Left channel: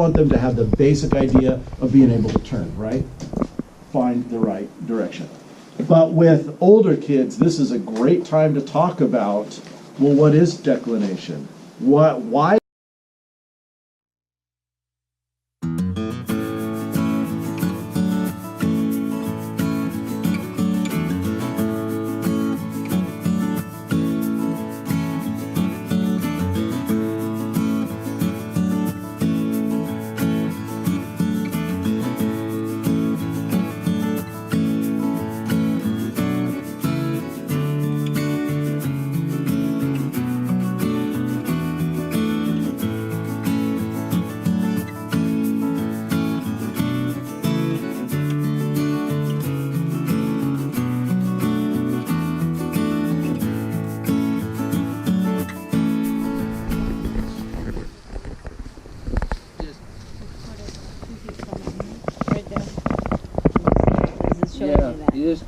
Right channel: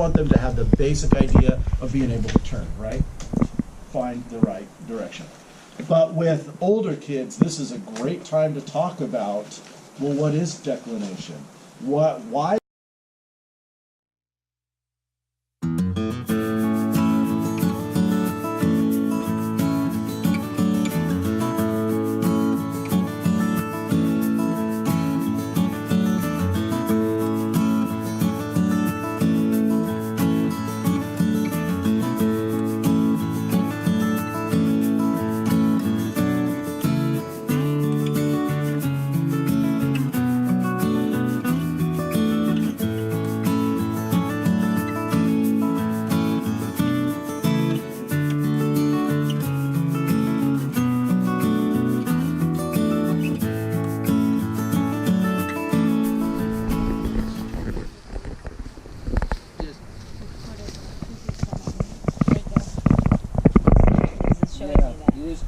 want them to have the basic idea of being able to turn, right? Find the right direction. But with older kids, this is a great time to talk about, well, what is declination? Why? Yeah, you just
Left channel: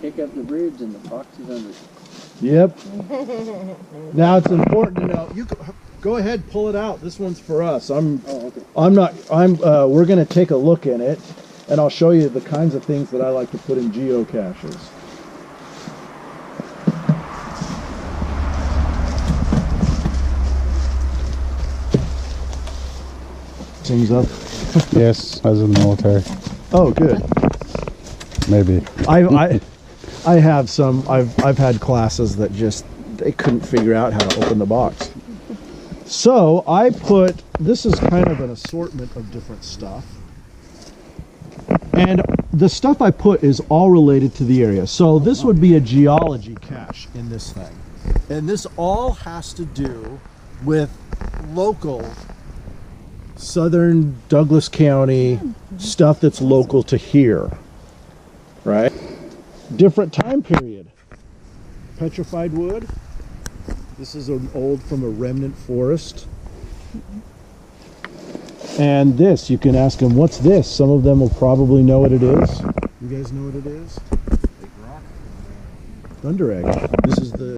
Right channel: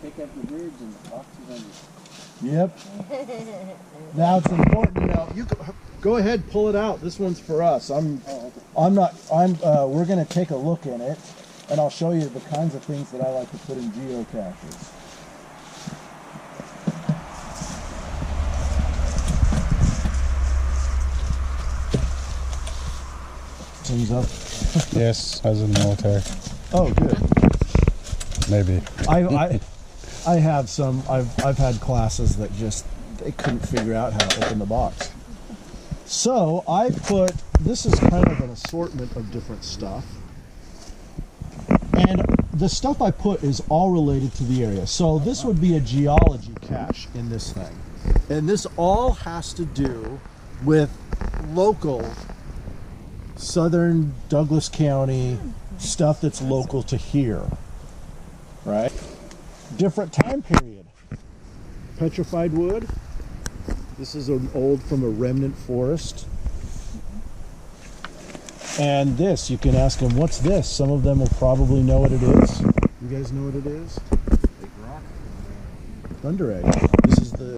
pick up the bridge and the box is under. Yep. Now it's important to know. You go ahead, pull it out. This one's for us. We're going to take a look in it, and I'll show you the kinds of things that I like to put in geocaches. Things up. Yes, I was in the military. Oh, good. Maybe. I have some. I've had classes that just they couldn't figure out how to open the box. So I put, this is kind of an assortment of different stuff. And the stuff I put is all related to the area. So this would be a geology cache in this thing. And this all has to do with local southern Douglas County stuff that's local to here. Right? Different time period. Petrified wood. This is an old from a remnant forest. And this, you can ask them, what's this? Some of them will probably know what it is. You guys know what it is? Big rock. Thunder egg. This is the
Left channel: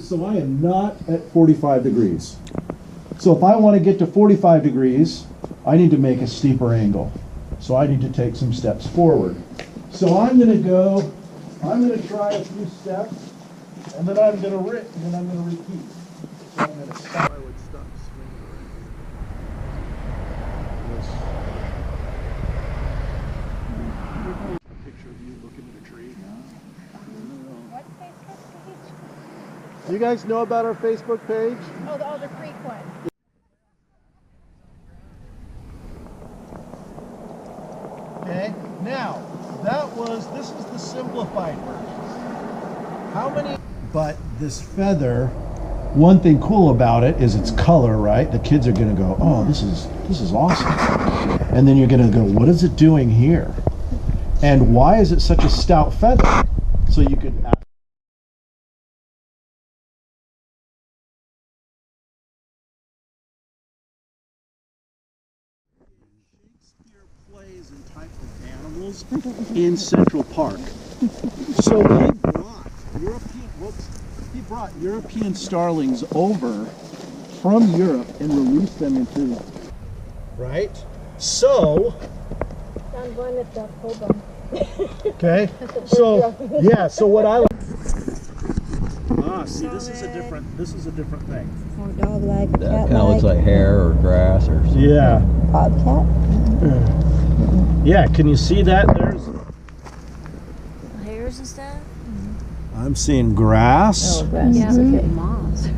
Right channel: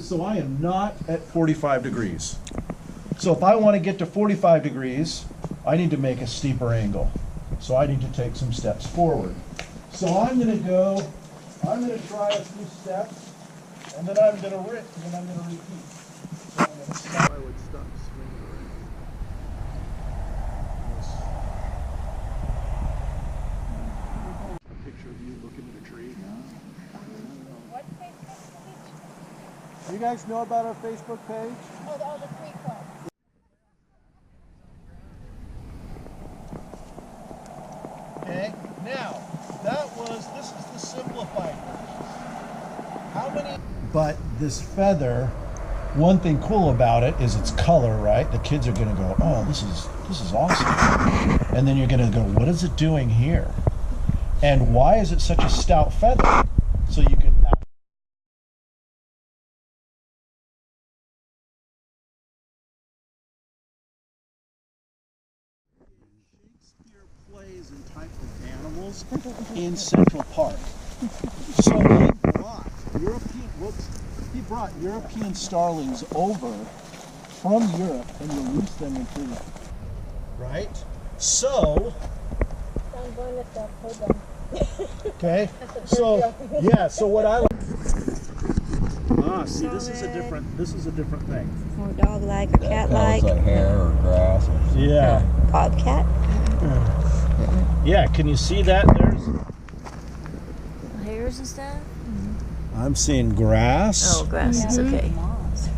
So I am not at 45 degrees. So if I want to get to 45 degrees, I need to make a steeper angle. So I need to take some steps forward. So I'm going to try a few steps, and then I'm going to repeat. So I'm going to stop. I would stop swinging around. This. A picture of you looking at a tree. What Facebook page? You guys know about our Facebook page? Oh, the Alder Creek one. Okay, now, this is the simplified version. How many? But this feather, one thing cool about it is its color, right? The kids are gonna go, oh, this is awesome. And then you're gonna go, what is it doing here? And why is it such a stout feather? So you could ask. Plays and type of animals in Central Park. So he brought European starlings over from Europe and released them into, right? So, okay, so yeah, so what I see, this is a different thing. Or dog-like, That cat-like. kind of looks like hair or grass or something. Yeah. Bobcat? Yeah, can you see that? There's. Hairs and stuff? I'm seeing grass. Oh, grass is okay. Moss.